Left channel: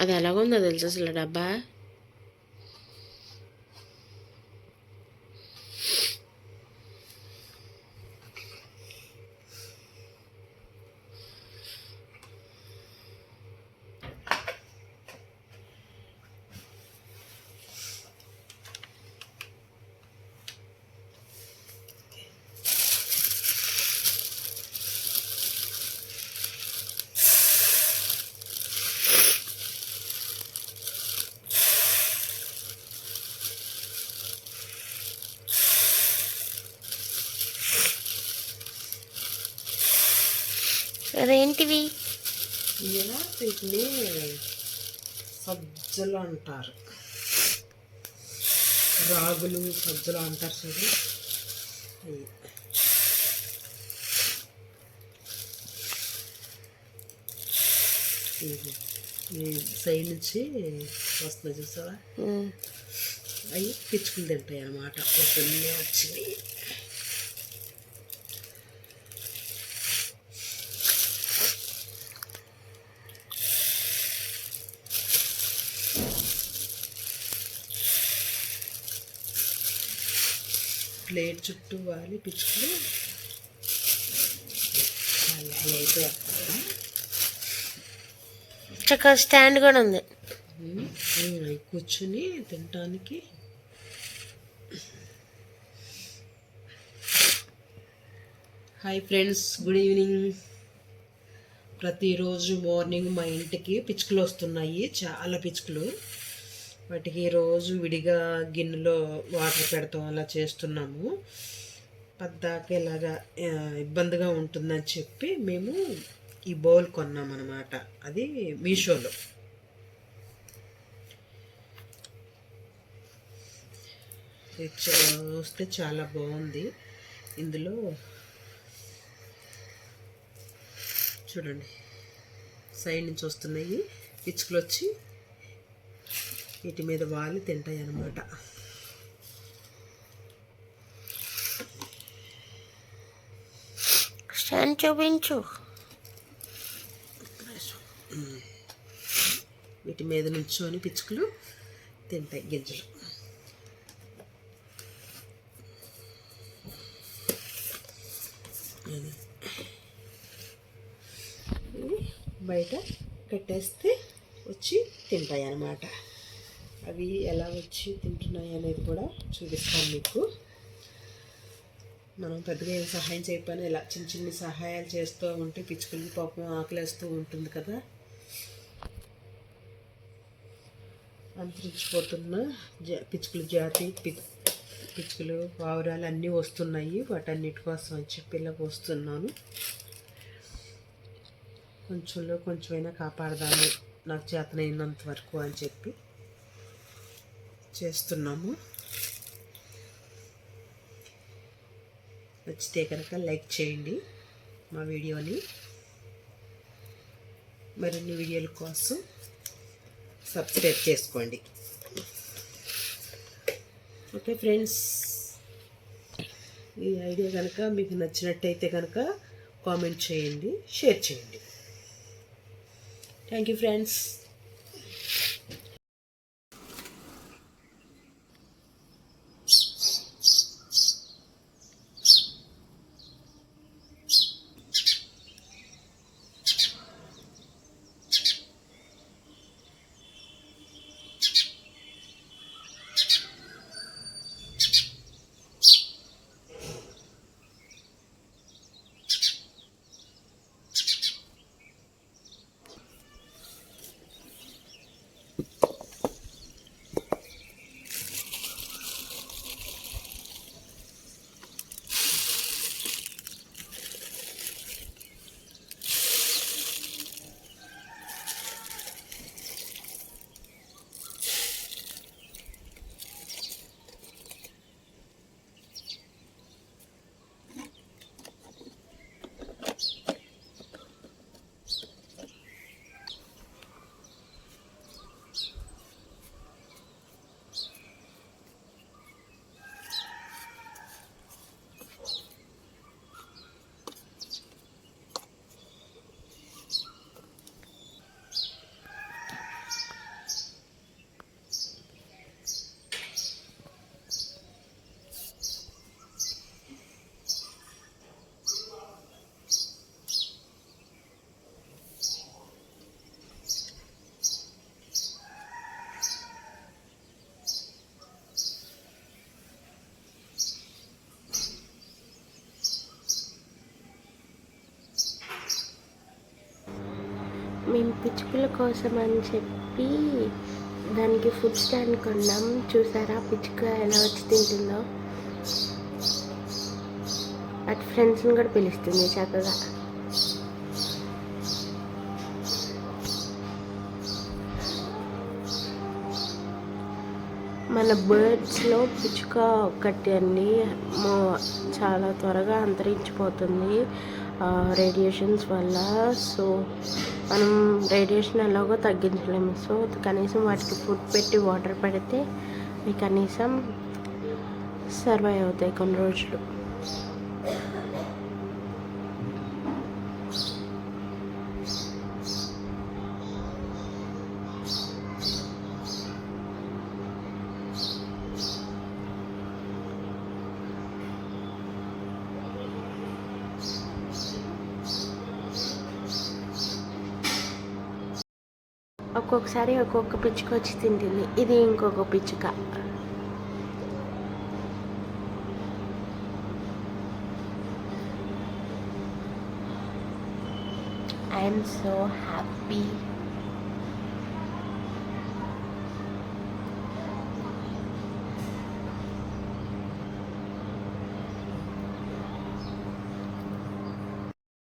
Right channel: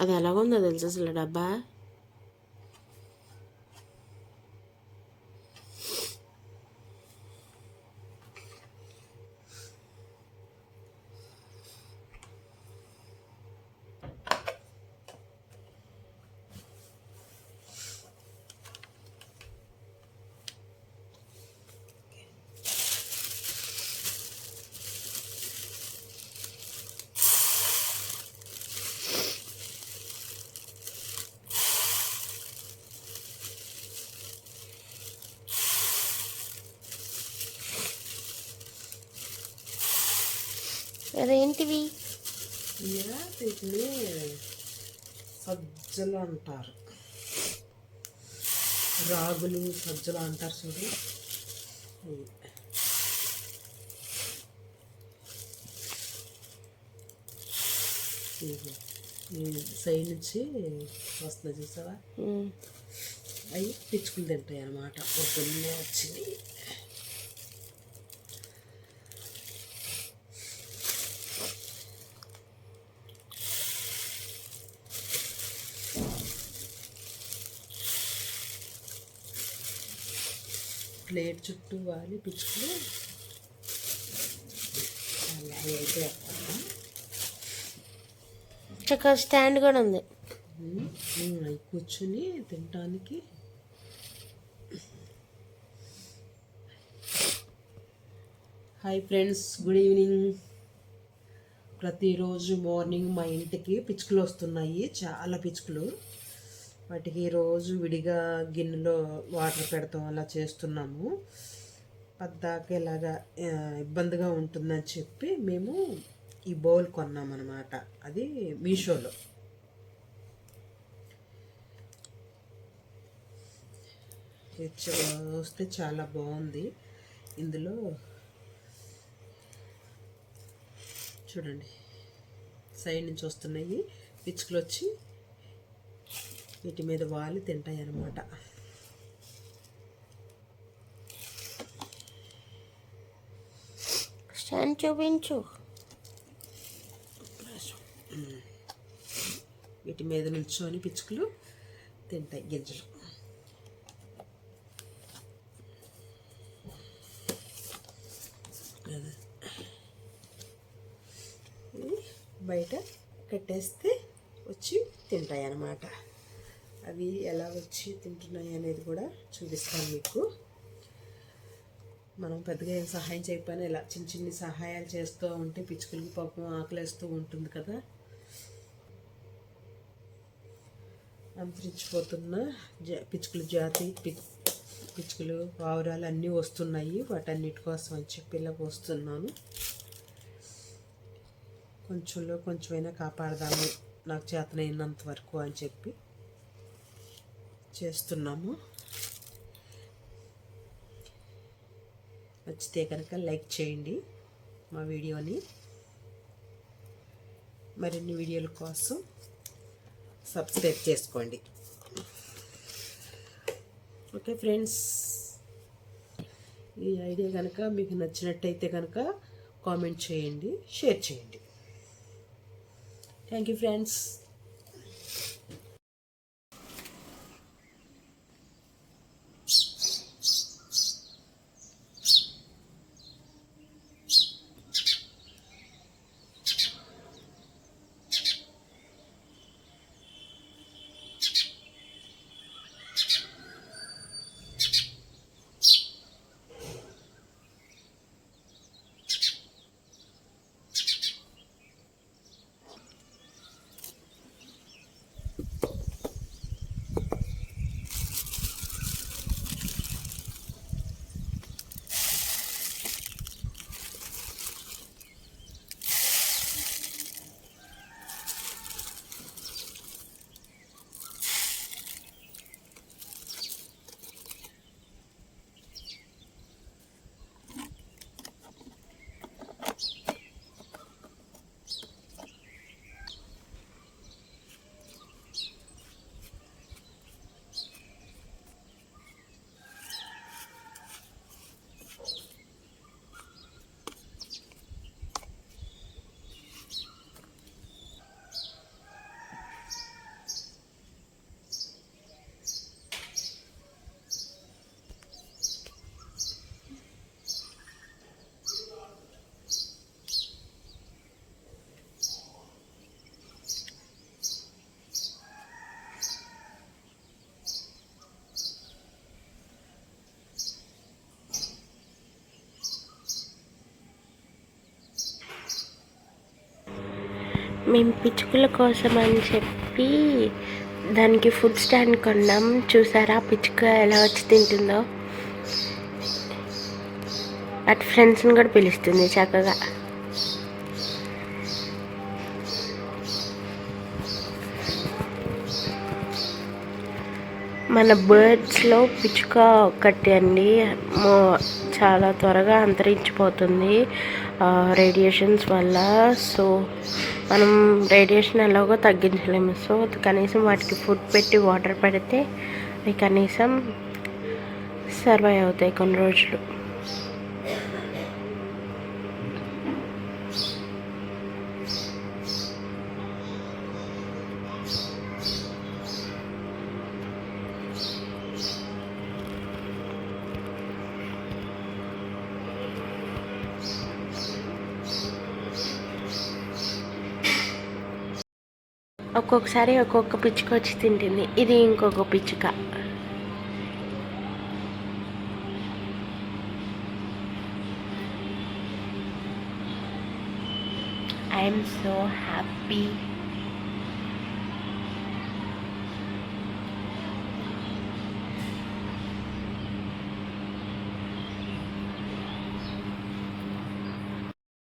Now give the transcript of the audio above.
అది ఎలాగుందో తెలుసు అసలు డబ్బా. అదేంటివి? వీటిని సజ్జలు అంటారు, రాగులు సజ్జలు అంటారు చూడు. ఈ సైడ్ నుంచి వస్తుంది చూసావా, అవి పిచ్చుకులు తింటాయి అన్నమాట. పొద్దున్నే వచ్చింది. ప్లేట్ చుట్టూ వాలి పిచ్చుకులు అయితే చక్కగా స్టాండ్ కూడా ఉంది. అవి కూర్చుని తినటానికి. Hi friends, good evening. ప్రతిరోజు మార్నింగ్ మా ఇంటికి పిచ్చుకలు వస్తున్నాయి, చాలా పిచ్చుకలు. వాటికి రోజు విడిగా గిన్నెలో వాటర్ పెడతాం, అలా చేస్తున్నాము. పద్దాక ఇలాగా ఇబ్బందిగా ఉంటుందని చెప్పి మేము ఈ బౌల్ కొన్నామన్నమాట. అది మీషోలో. వస్తే చాలా బాగుంది. ఇందులో చూడండి, సైడ్ నుంచి వస్తున్నాయి పిచ్చుకలు, వచ్చి వీటి మీద వాలి తింటాయి అన్నమాట. స్టాండ్ చూపించు. వీటి మీద నుంచొని పిచ్చుకలు తింటాయి గింజలు. బయట కట్టేస్తే వచ్చి తింటాయి అన్నమాట. అవి ఎలా వచ్చి తింటున్నాయి అనేది కూడా చూపిస్తాను మీకు. మనం పెద్దగా ఏం సహాయం చేయకపోయినా ఇలా చిన్న చిన్న సహాయాలు చేస్తూ ఉంటే పిచ్చుకలకి పాపం ఆకలేస్తూ ఉంటుంది కదా. అంతరించిపోతున్న పిచ్చుకల జాతి పిచ్చుకలు, పావురాలు అన్నీ వస్తున్నాయి. వాటన్నిటి కోసం అని చెప్పి ఇలా వస్తున్నాను. కొంచెంలో కొంచెమైనా కాపాడదాము, నాకు చేతనైనంత వరకు అని చెప్పి చేస్తున్నాము. నచ్చితే కనుక లైక్ చేయండి మా వీడియోని. మరిన్ని వీడియోల కోసం సబ్స్క్రైబ్ చేసుకోండి. ఓకే ఫ్రెండ్స్, ఈ ఐడియా కనుక మీకు నచ్చినట్టయితే కనుక కామెంట్ చేయండి, షేర్ చేయండి. Thank you friends. మేము పిచ్చుకల కోసం అని చెప్పి దానికి ఫుడ్ స్టాండ్ కొన్నాం. చూసారా పిచ్చుక ఎలా వచ్చి తింటుందో. అటు ఫ్రెండ్స్ని కూడా పిలుస్తుంది చక్కగా. మన బర్డ్స్లో పిచ్చుక ఒక్కటి అండి చాలా త్వరగా అంతరించిపోతుంది రేడియేషన్స్ వల్ల. సో మనం రేడియేషన్ ఎలాగో తగ్గించలేము. సో కనీసం వాటికి ఫుడ్ పెట్టి వాటర్ పెడితే అవి కనీసం సర్వైవ్ అవుతాయి కొన్ని రోజులు. ఒక్కొక్కసారి ఒక్కొక్క పిచ్చుక వచ్చి తింటుంది. ఇది ఇంకొక పిచ్చుక. I'm so happy.